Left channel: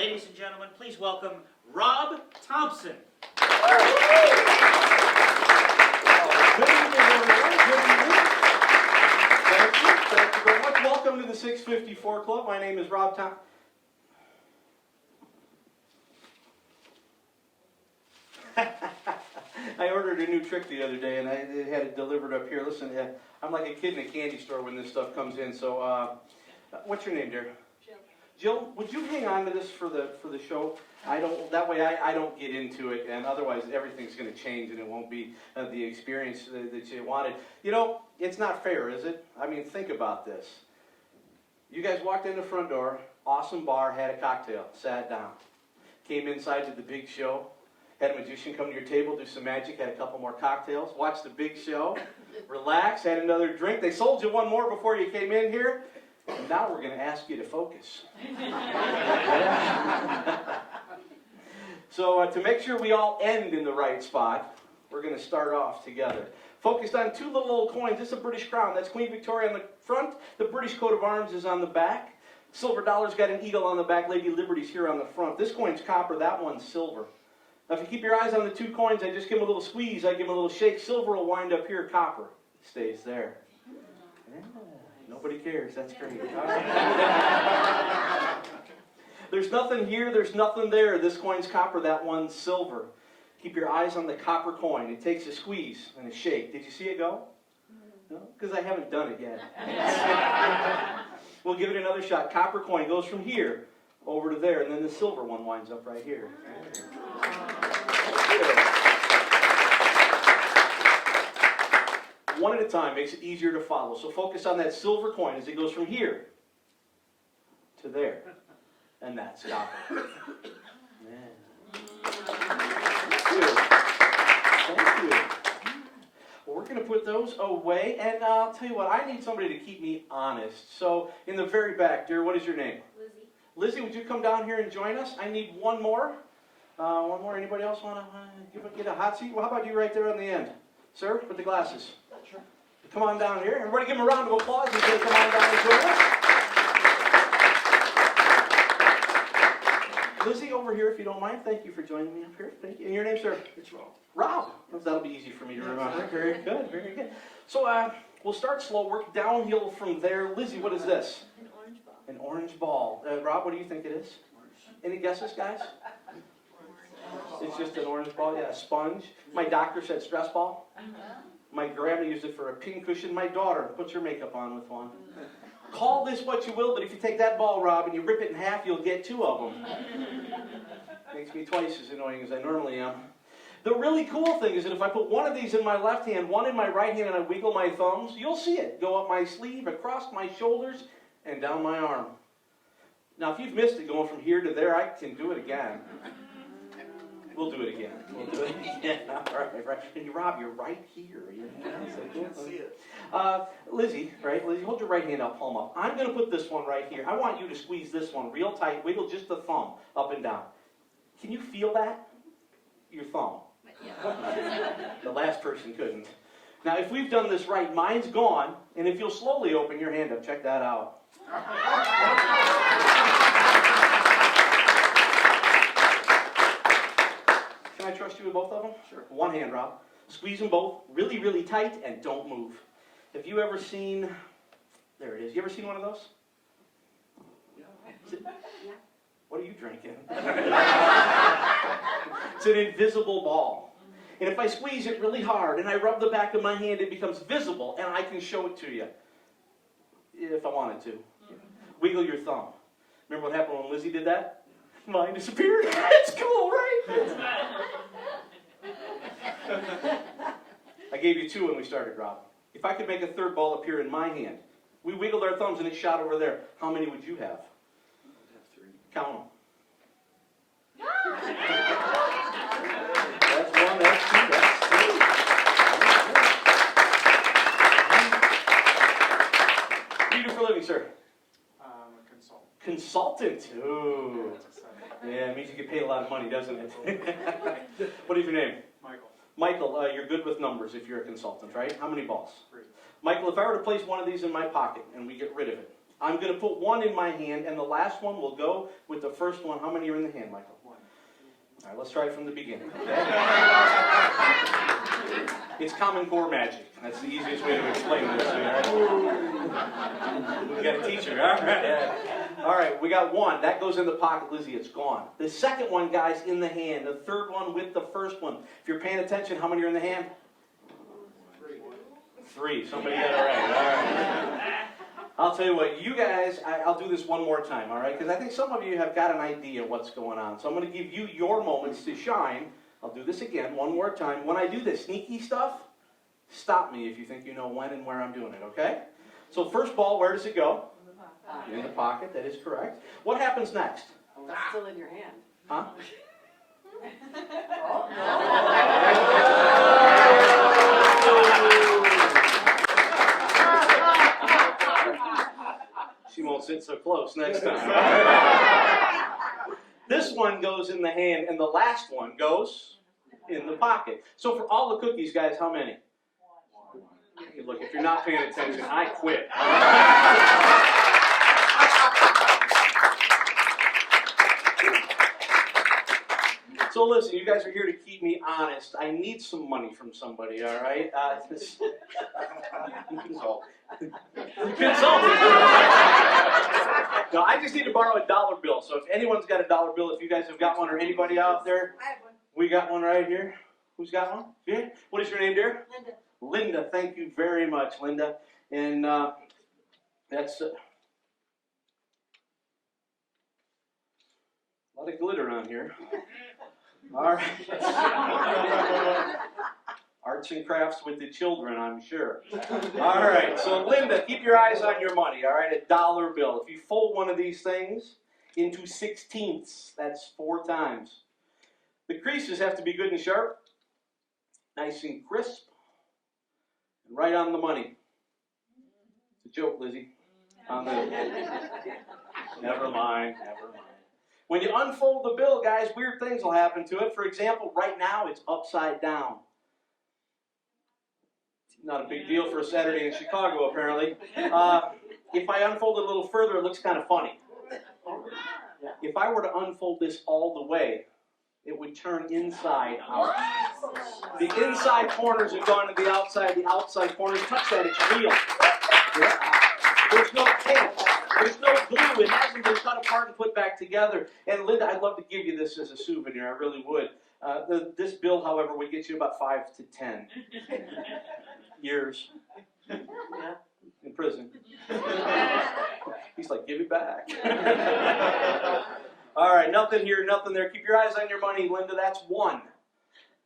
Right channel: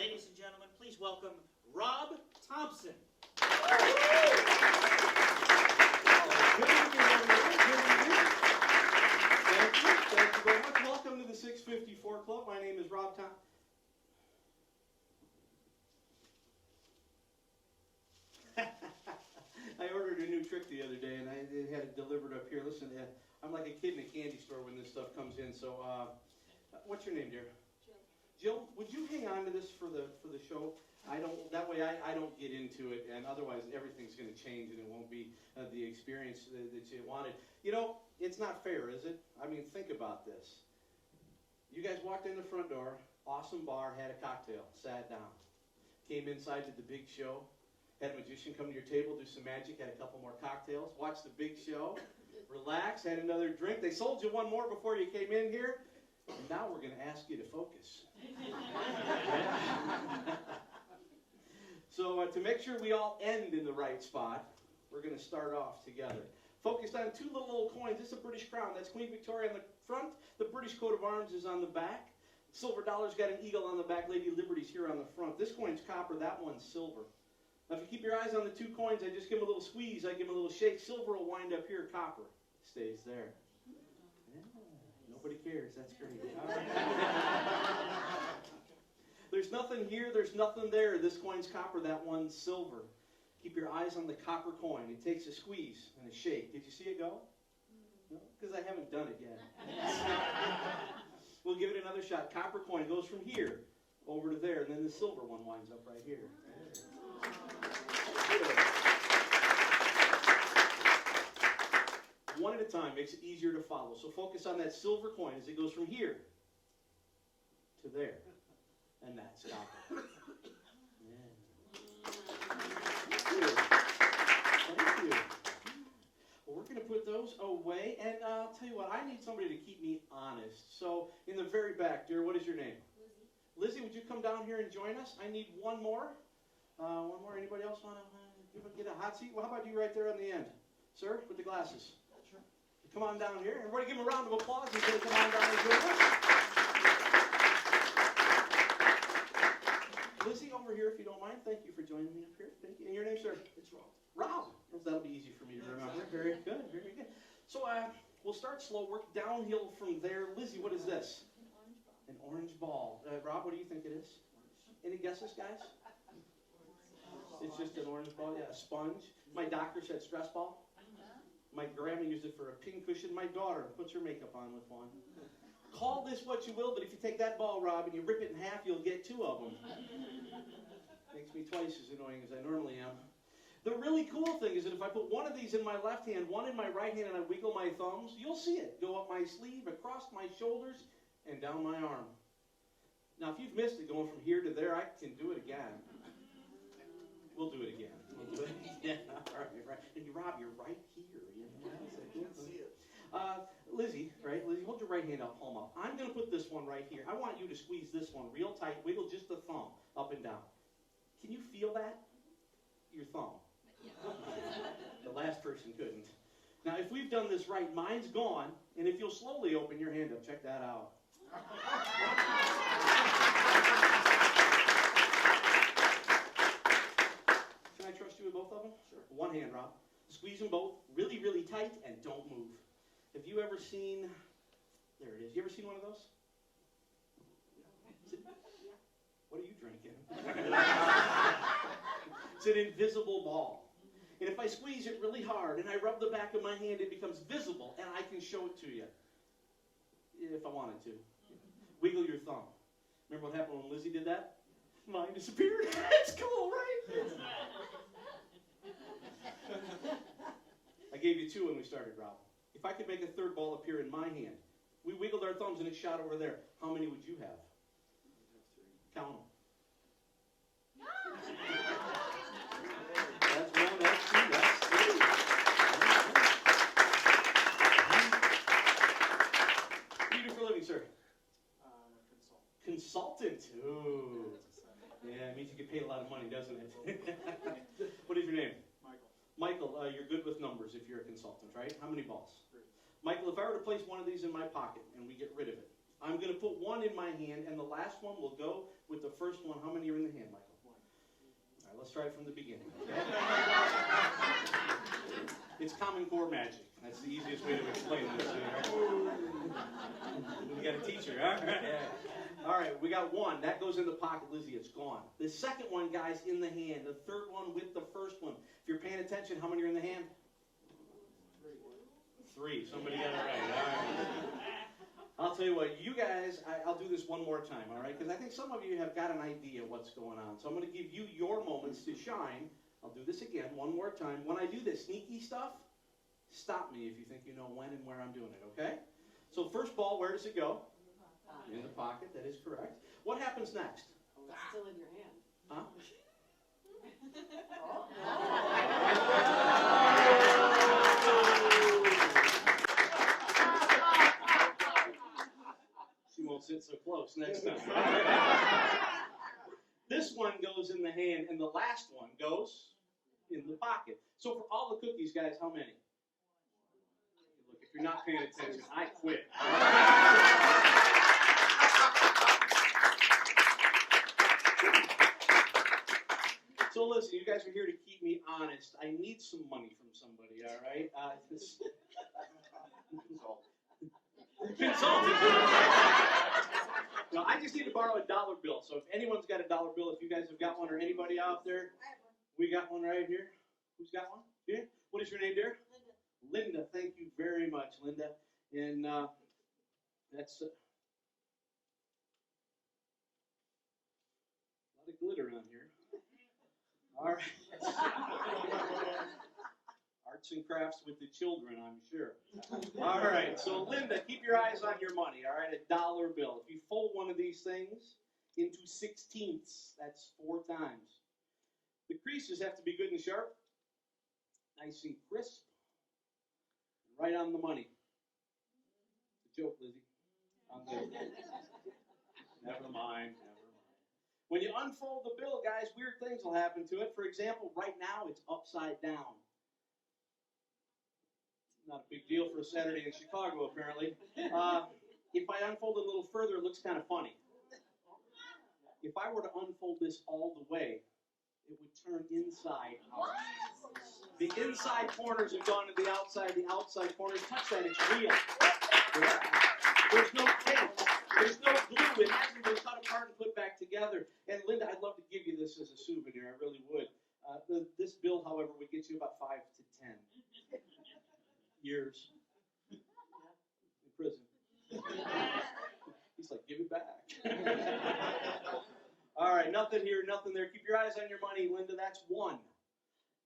Ladies and gentlemen, please welcome Rob Thompson. Good evening, everyone. Good evening. Thank you. Thank you very much. Welcome to the 654 Club. My name is Rob Thompson. I ordered a new trick the other day, and I had it delivered up here. Listen, I'm like a kid in a candy store when this stuff comes in. So, what's your name, dear? Jill. Jill, would you hang on to this for the show? That way I don't get into it, and otherwise everything's going to change, and it won't be the experience that you wanted. You know, it's not fair, is it? I mean, think about this. You guys walked in the front door, awesome bar, had a cocktail, sat down, came inside to the big show. Had a magician come to your table, do some magic, had a couple more cocktails, watched the big show, relax, had another drink. They sold you one more before you came in here. And now we're going to ask you to focus. So to make sure we all end in the right spot, we're going to start off together. Focused on two little old coins. This is a British crown. That's Queen Victoria on the front. The British coat of arms is on the back. Silver dollar's got an eagle on the back. Lady Liberty's here on the front. This coin's copper. That one's silver. Now, if you keep your eyes on the two coins, I just give them a little squeeze, I give them a little shake. Silver will wind up here, copper stays there. Yeah, nobody cares, that's great. All right. There's nothing here, there's nothing there. This coin's copper, that one's silver. Keep your eyes on the copper coin. It takes a squeeze and a shake. Did you see it go? No? Because I haven't done it yet. We'll give it another shot. Copper coin goes from here over to there, and then the silver one winds up right here. One at a time makes it easier to follow. So focus on that silver coin as it goes from here to there. And that's copper. Man. Thank you. Thank you. Well, we're going to put those away. And I'll tell you what, I need somebody to keep me honest. So in the very back, dear, what is your name? Lizzie. Lizzie, would you come down here and join us? I need one more. One more. Anybody else want to get a hot seat? Well, how about you right there on the end? Sir, with the glasses. Sure. Come on down here. Everybody give him a round of applause as they come on down and join us. Lizzie, over here, if you don't mind. Thank you for joining me up here. Thank you. And your name, sir? It's Rob. Rob. That'll be easy for me to remember. Very good. Very good. So we'll start slow, work downhill from there. Lizzie, what is this? An orange ball. An orange ball. Rob, what do you think it is? Any guesses, guys? It's just an orange ball, yeah, a sponge. My doctor said stress ball. My grandma used it for a pincushion. My daughter puts her makeup on with one. Call this what you will, but if you take that ball, Rob, and you rip it in half, you'll get two of them. Makes me twice as annoying as I normally am. The really cool thing is that if I put one of these in my left hand, one in my right hand, and I wiggle my thumbs, you'll see it go up my sleeve, across my shoulders, and down my arm. Now, if you've missed it going from here to there, I can do it again. We'll do it again. We'll do it again. All right. And Rob, you're right here. You can't see it. Lizzie, right? Lizzie, hold your right hand out, palm up. I'm going to put this one right here. I want you to squeeze this one real tight. Wiggle just the thumb up and down. Can you feel that? Your thumb. Yeah. The last person couldn't. Now, if we've done this right, mine's gone. And if you'll slowly open your hand up, check that out. Can I trust you with both of them? Sure. One hand, Rob. Squeeze them both really, really tight and don't move. Have you ever seen, there it is. You ever seen one of those? Yeah. What are you drinking? It's an invisible ball. And if I squeeze it really hard and I rub the back of my hand, it becomes visible and I can show it to you. If I wanted to. Wiggle your thumb. Remember what happened when Lizzie did that? Mine disappeared. It's cool, right? I gave you two when we started, Rob. If I could make a third ball appear in my hand, we wiggled our thumbs and it shot over there. How many would you have? I'd have three. Count them. That's one, that's two, that's three. What do you do for a living, sir? I'm a consultant. Consultant. Ooh. Yeah, it means you get paid a lot of money, doesn't it? What is your name? Michael. Michael, you're good with numbers if you're a consultant, right? How many balls? 3. Michael, if I were to place one of these in my pocket and we get rid of it, I'm going to put one in my hand, and the last one will go with the first one. How many are in the hand, Michael? One. All right, let's try it from the beginning, okay? It's Common Core magic. That's the easiest way to explain this. Right? We got a teacher, all right? Yeah. All right, we got one. That goes in the pocket, Lizzie. It's gone. The second one, guys, in the hand. The third one with the first one. If you're paying attention, how many are in the hand? Three. Somebody got it right. All right. I'll tell you what, you guys, I'll do this one more time, all right? Because I think some of you have got an idea what's going on. So I'm going to give you your moments to shine. I'll do this again one more time. When I do this sneaky stuff, stop me if you think you know when and where I'm doing it, okay? So first ball, where does it go? In the pocket, that is correct. What happens next? Oh, it's still in your hand. Huh? She won't sit so close next time. This one goes in the hand, and the last one goes in the pocket. So for all the cookies, guys, how many? Hey, look, if you're not paying attention, I quit. So listen, you guys are here to keep me honest. I need some money from somebody, all right? Consult. No, I just need to borrow a dollar bill. So if anyone's got a dollar bill, if you guys have got one, or anybody out there, I have one. we got one right here. Who's got one? Yeah. What is your name, dear? Linda. Linda. Thank you very much, Linda. And that's a lot of glitter on here. All right. Arts and crafts with the children, I'm sure. All right, so Linda, keep your eyes on your money, all right? A dollar bill. If you fold one of these things into 16ths, that's 4 times. The creases have to be good and sharp, nice and crisp, and right on the money. It's a joke, Lizzie. Never mind. When you unfold the bill, guys, weird things will happen to it. For example, right now it's upside down. Not a big deal for a Saturday in Chicago, apparently. If I unfold it a little further, it looks kind of funny. If I were to unfold this all the way, it would turn inside out. The inside corners have gone to the outside corners. Touch that, it's real. There's no tape. There's no glue. It hasn't been cut apart and put back together. And Linda, I'd love to give you this as a souvenir. I really would. This bill, however, would get you about 5 to 10 years in prison. He's like, give it back. All right, nothing here, nothing there. Keep your eyes on your money, Linda. That's 1.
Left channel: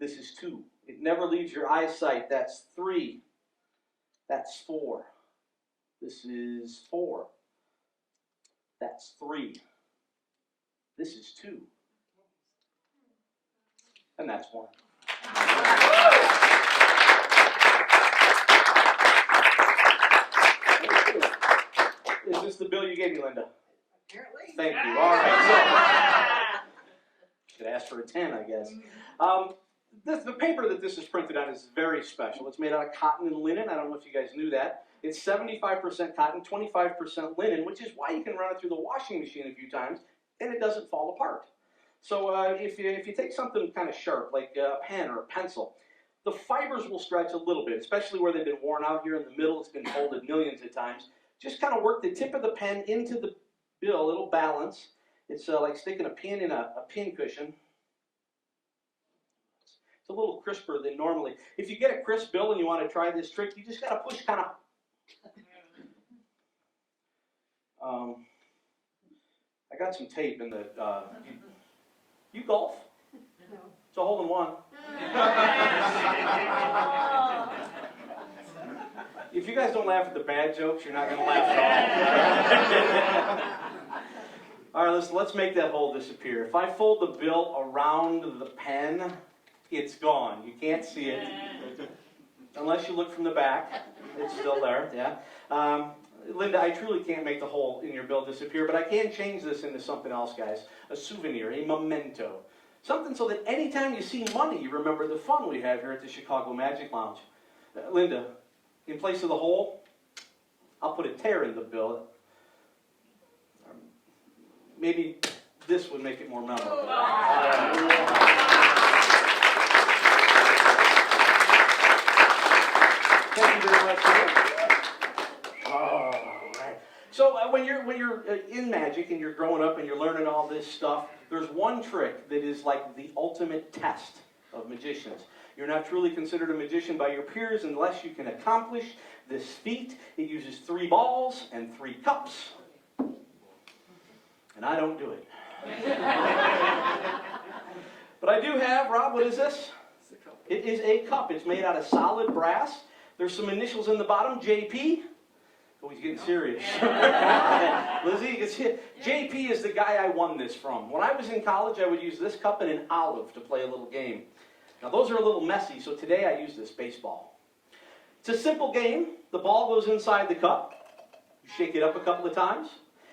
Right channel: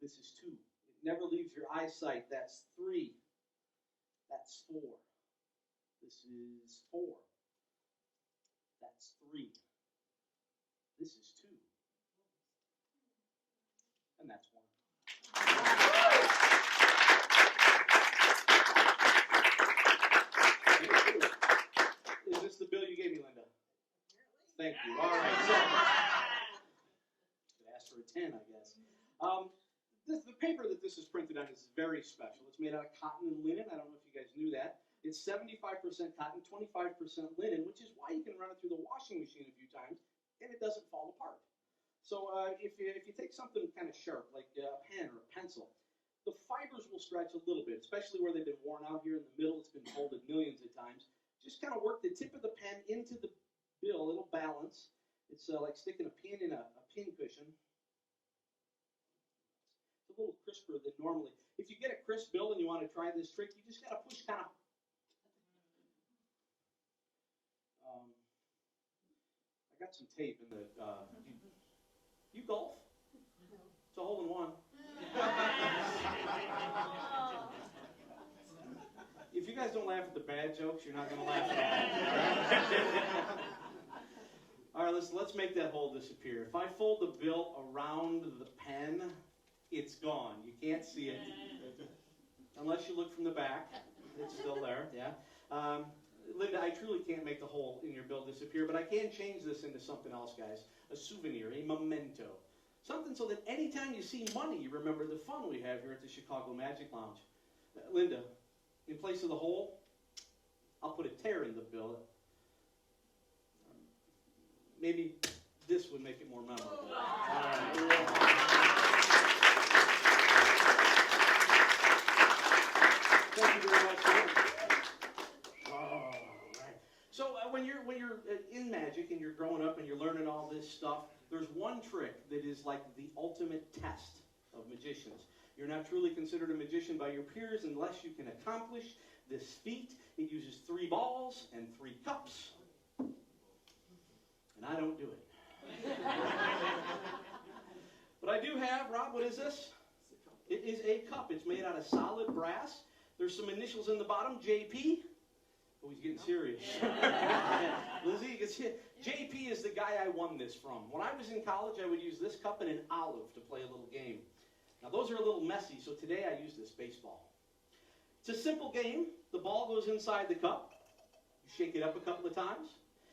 This is 2. It never leaves your eyesight. That's 3. That's 4. This is 4. That's 3. This is 2. And that's 1. Is this the bill you gave me, Linda? Apparently. Thank you. All right. Should ask for a 10, I guess. The paper that this is printed on is very special. It's made out of cotton and linen. I don't know if you guys knew that. It's 75% cotton, 25% linen, which is why you can run it through the washing machine a few times and it doesn't fall apart. So if you take something kind of sharp, like a pen or a pencil, the fibers will stretch a little bit, especially where they've been worn out here in the middle. It's been folded millions of times. Just kind of work the tip of the pen into the bill. It'll balance. It's like sticking a pin in a pin cushion. It's a little crisper than normally. If you get a crisp bill and you want to try this trick, you just got to push kind of. I got some tape in the. You golf? No. It's a hole-in-one. If you guys don't laugh at the bad jokes, you're not going to laugh at all. All right, let's make that hole disappear. If I fold the bill around the pen, it's gone. You can't see it. Unless you look from the back. It's still there, yeah. Linda, I truly can't make the hole in your bill disappear, but I can change this into something else, guys. A souvenir, a memento. Something so that anytime you see money, you remember the fun we have here at the Chicago Magic Lounge. Linda, in place of the hole, I'll put a tear in the bill. maybe this would make it more memorable. Thank you very much. All right. So when you're in magic and you're growing up and you're learning all this stuff, there's one trick that is like the ultimate test of magicians. You're not truly considered a magician by your peers unless you can accomplish this feat. It uses 3 balls and 3 cups. And I don't do it. But I do have, Rob, what is this? It is a cup. It's made out of solid brass. There's some initials in the bottom, JP. Oh, he's getting serious. Lizzie, you can see it. JP is the guy I won this from. When I was in college, I would use this cup and an olive to play a little game. Now, those are a little messy, so today I use this baseball. It's a simple game. The ball goes inside the cup. You shake it up a couple of times.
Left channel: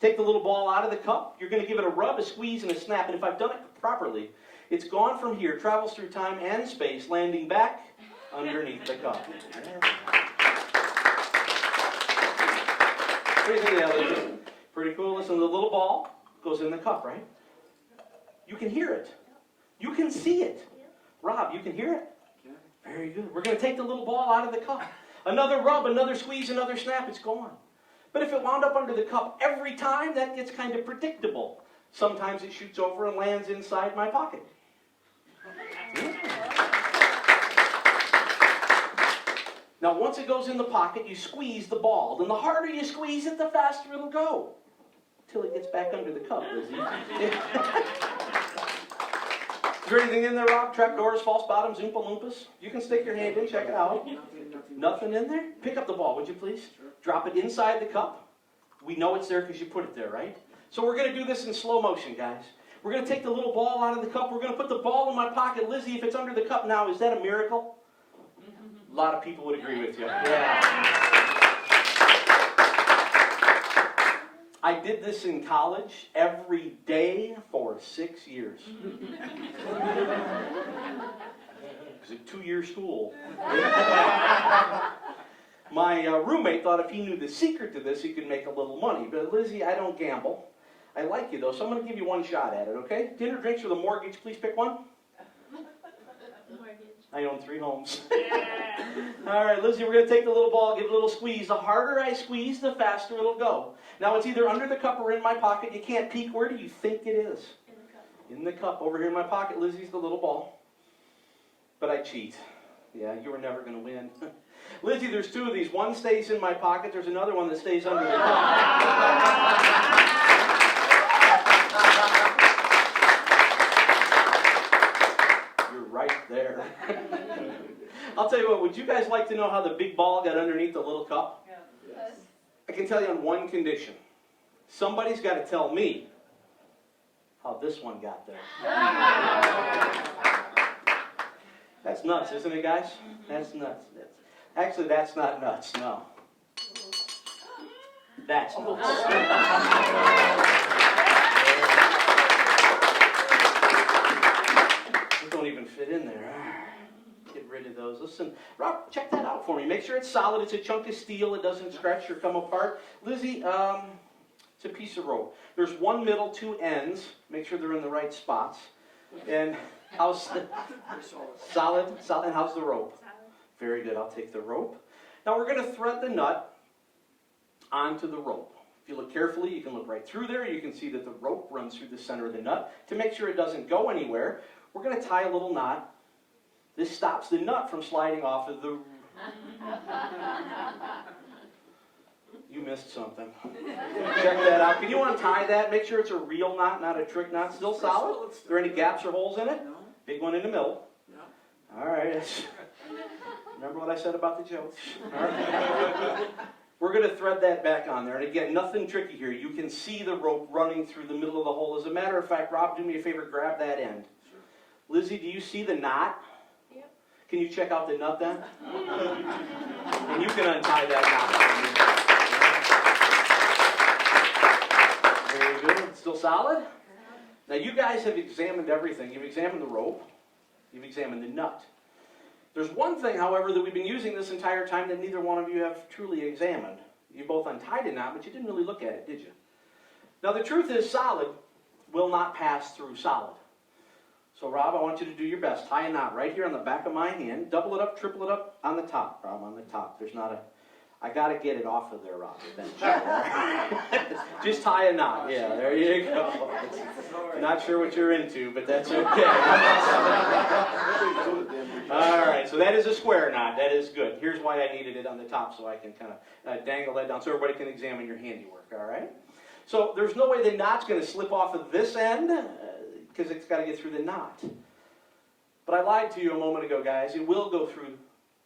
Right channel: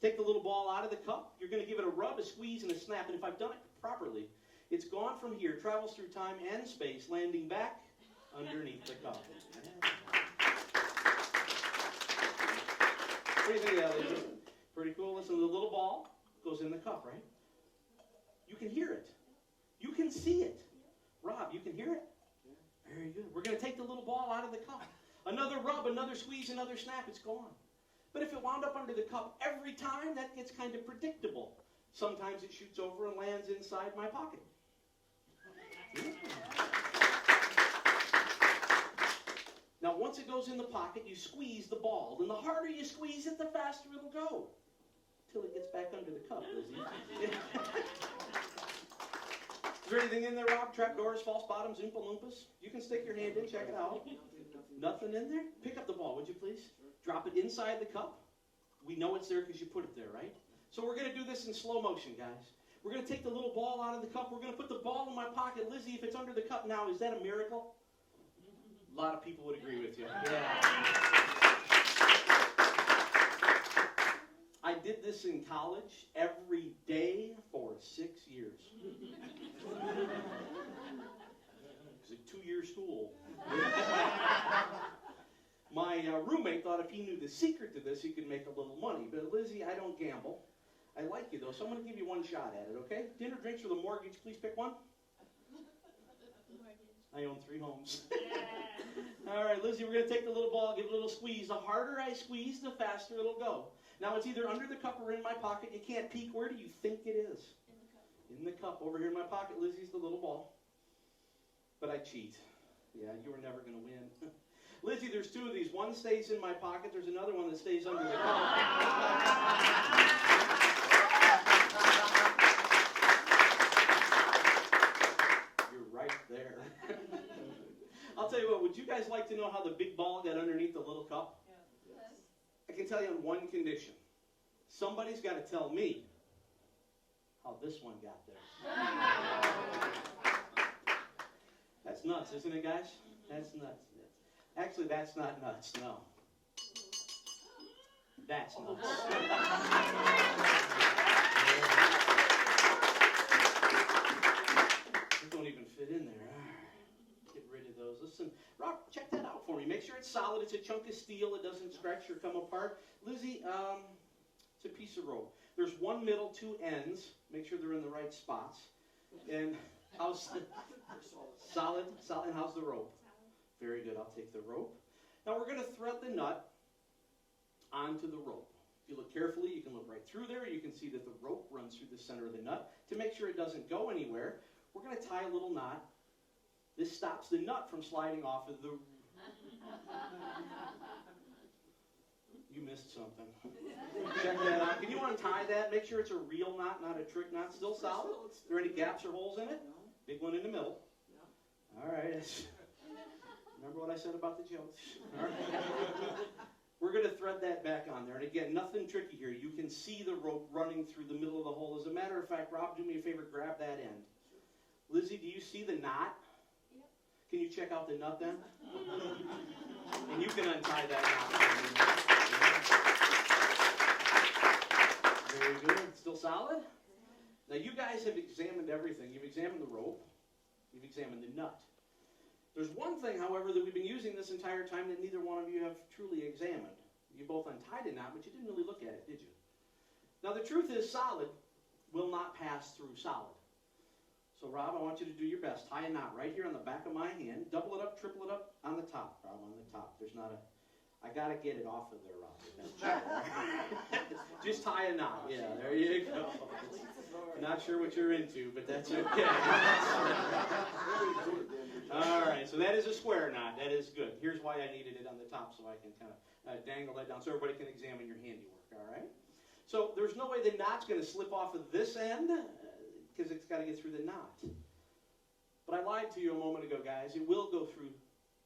Take the little ball out of the cup. You're going to give it a rub, a squeeze, and a snap. And if I've done it properly, it's gone from here, travels through time and space, landing back underneath the cup. What do you think of that, Lizzie? Pretty cool. Listen, the little ball goes in the cup, right? You can hear it. You can see it. Rob, you can hear it? Very good. We're going to take the little ball out of the cup. Another rub, another squeeze, another snap, it's gone. But if it wound up under the cup every time, that gets kind of predictable. Sometimes it shoots over and lands inside my pocket. Now, once it goes in the pocket, you squeeze the ball. And the harder you squeeze it, the faster it'll go. Until it gets back under the cup, Lizzie. Is there anything in there, Rob? Trapdoors, false bottoms, Oompa Loompas? You can stick your hand in, check it out. Nothing in there? Pick up the ball, would you please? Drop it inside the cup. We know it's there because you put it there, right? So we're going to do this in slow motion, guys. We're going to take the little ball out of the cup. We're going to put the ball in my pocket. Lizzie, if it's under the cup now, is that a miracle? A lot of people would agree with you. Yeah. I did this in college every day for 6 years. It was a 2-year school. My roommate thought if he knew the secret to this, he could make a little money. But Lizzie, I don't gamble. I like you, though, so I'm going to give you one shot at it, okay? Dinner, drinks, or the mortgage, please pick one. I own 3 homes. All right, Lizzie, we're going to take the little ball, give it a little squeeze. The harder I squeeze, the faster it'll go. Now, it's either under the cup or in my pocket. You can't peek. Where do you think it is? In the cup. In the cup. Over here in my pocket, Lizzie's the little ball. But I cheat. Yeah, you were never going to win. Lizzie, there's 2 of these. One stays in my pocket. There's another one that stays under the cup. You're right there. I'll tell you what, would you guys like to know how the big ball got underneath the little cup? Yeah. Yes. I can tell you on one condition. Somebody's got to tell me how this one got there. That's nuts, isn't it, guys? That's nuts. Actually, that's not nuts, no. That's nuts. They don't even fit in there. Get rid of those. Listen, Rob, check that out for me. Make sure it's solid. It's a chunk of steel. It doesn't scratch or come apart. Lizzie, it's a piece of rope. There's 1 middle, 2 ends. Make sure they're in the right spots. And how's the solid? Solid. And how's the rope? Very good. I'll take the rope. Now we're going to thread the nut onto the rope. If you look carefully, you can look right through there. You can see that the rope runs through the center of the nut. To make sure it doesn't go anywhere, we're going to tie a little knot. This stops the nut from sliding off of the... You missed something. Check that out. Can you untie that? Make sure it's a real knot, not a trick knot. Still solid? Are there any gaps or holes in it? No. Big one in the middle. No. All right. Remember what I said about the jokes? All right. We're going to thread that back on there. And again, nothing tricky here. You can see the rope running through the middle of the hole. As a matter of fact, Rob, do me a favor, grab that end. Sure. Lizzie, do you see the knot? Yep. Can you check out the nut then? And you can untie that knot. Very good. Still solid? Now you guys have examined everything. You've examined the rope. You've examined the nut. There's one thing, however, that we've been using this entire time that neither one of you have truly examined. You both untied a knot, but you didn't really look at it, did you? Now, the truth is solid. will not pass through solid. So Rob, I want you to do your best. Tie a knot right here on the back of my hand. Double it up, triple it up on the top, Rob, on the top. There's not a, I got to get it off of there, Rob, eventually. Just tie a knot. Yeah, there you go. Not sure what you're into, but that's okay. All right, so that is a square knot. That is good. Here's why I needed it on the top, so I can kind of dangle that down so everybody can examine your handiwork, all right? So there's no way the knot's going to slip off of this end because it's got to get through the knot. But I lied to you a moment ago, guys. It will go through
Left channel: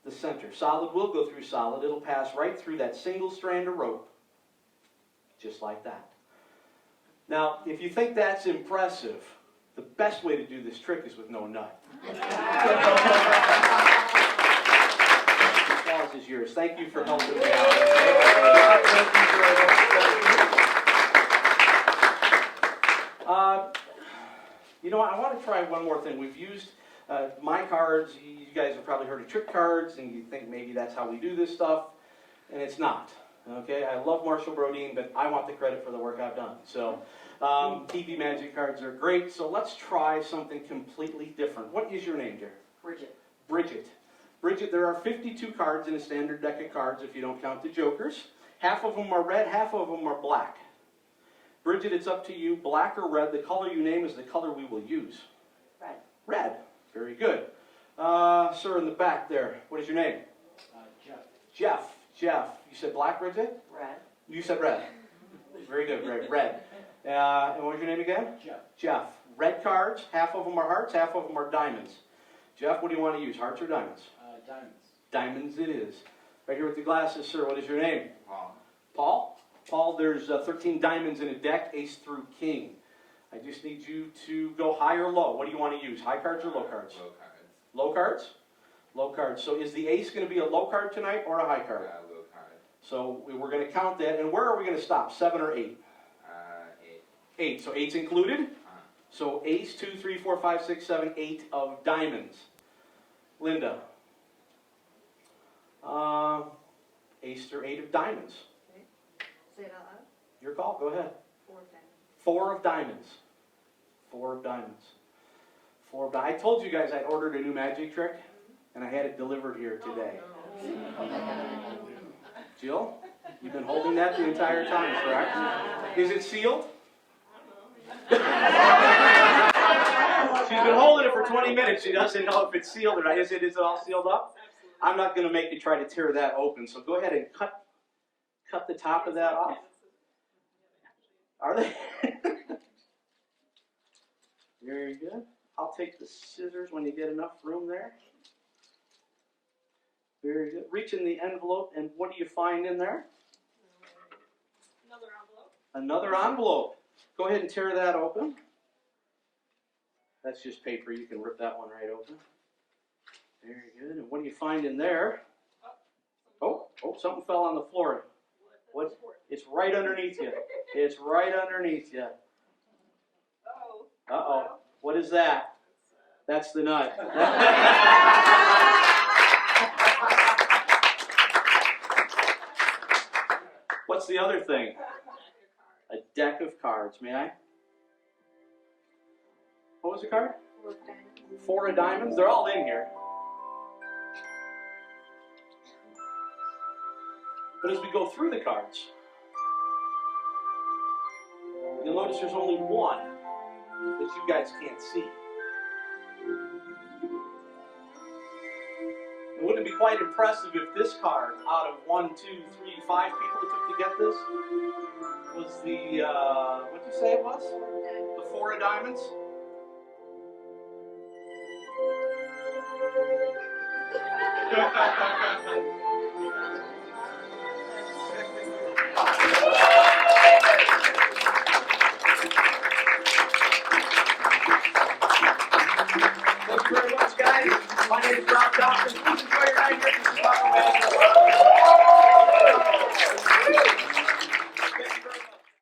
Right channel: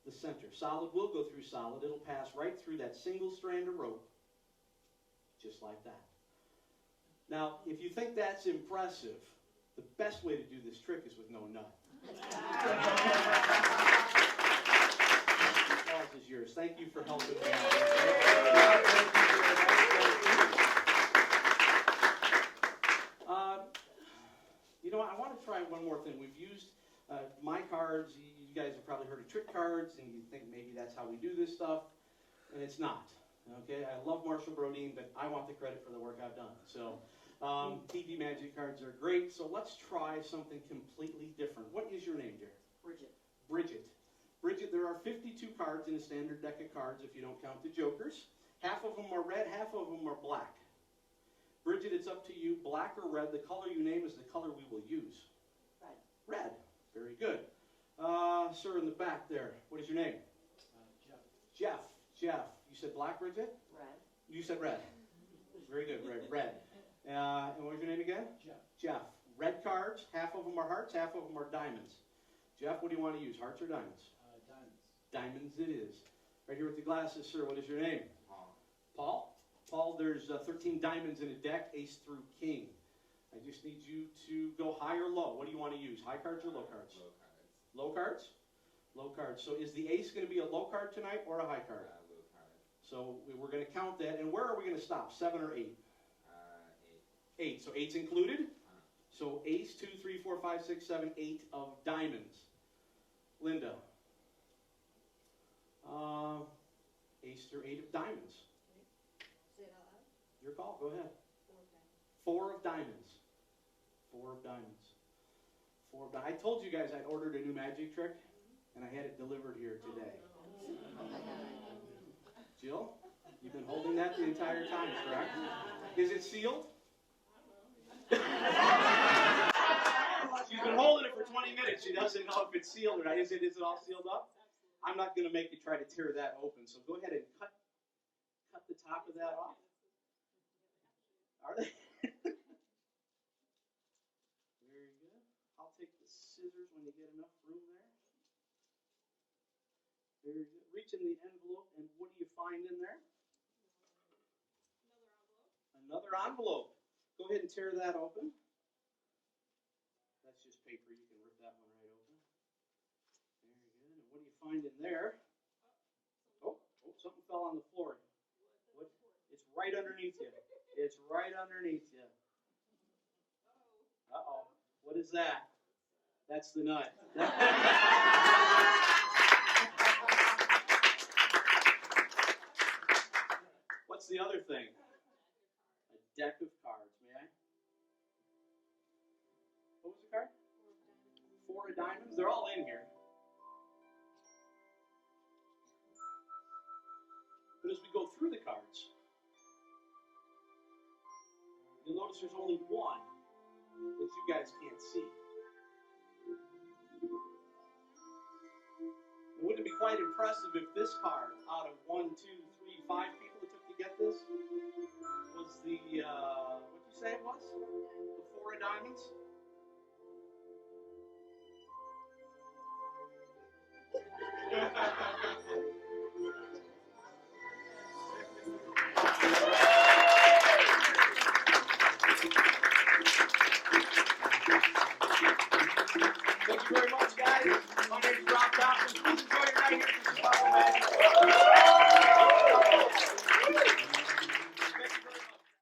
the center. Solid will go through solid. It'll pass right through that single strand of rope, just like that. Now, if you think that's impressive, the best way to do this trick is with no nut. Applause is yours. Thank you for helping me out. You know, I want to try one more thing. We've used my cards. You guys have probably heard of trick cards, and you think maybe that's how we do this stuff, and it's not. Okay, I love Marshall Brodeen, but I want the credit for the work I've done. So, TV magic cards are great. So let's try something completely different. What is your name, dear? Bridget. Bridget. Bridget, there are 52 cards in a standard deck of cards if you don't count the jokers. Half of them are red, half of them are black. Bridget, it's up to you, black or red. The color you name is the color we will use. Red. Red. Very good. Sir in the back there, what is your name? Jeff. Jeff. Jeff. You said black, Bridget? Red. You said red. Very good, red. And what was your name again? Jeff. Jeff. Red cards, half of them are hearts, half of them are diamonds. Jeff, what do you want to use, hearts or diamonds? Diamonds. Diamonds it is. Right here with the glasses, sir, what is your name? Paul. Paul? Paul, there's 13 diamonds in a deck, ace through king. I just need you to go high or low. What do you want to use, high cards or low cards? Low cards. Low cards? Low cards. So is the ace going to be a low card tonight or a high card? Low card. So we're going to count that. And where are we going to stop, 7 or 8? 8. 8. So 8's included? So ace, 2, 3, 4, 5, 6, 7, 8 of diamonds. Linda? Ace or 8 of diamonds. Say it out loud. Your call. Go ahead. 4 of diamonds. 4 of diamonds. 4 of diamonds. 4 of diamonds. I told you guys I'd ordered a new magic trick, and I had it delivered here today. Jill, you've been holding that the entire time, correct? Is it sealed? She's been holding it for 20 minutes. She doesn't know if it's sealed or not. Is it all sealed up? I'm not going to make you try to tear that open, so go ahead and cut the top of that off. Are they? Very good. I'll take the scissors when you get enough room there. Very good. Reach in the envelope, and what do you find in there? Another envelope. Go ahead and tear that open. That's just paper. You can rip that one right open. Very good. And what do you find in there? Oh, something fell on the floor. What? It's right underneath you. It's right underneath you. Uh-oh. What is that? That's the nut. What's the other thing? A deck of cards. May I? What was the card? 4 of diamonds. 4 of diamonds. They're all in here. But as we go through the cards, you'll notice there's only one that you guys can't see. And wouldn't it be quite impressive if this card, out of 1, 2, 3, 5 people it took to get this, was the, what did you say it was? The 4 of diamonds? Thank you very much.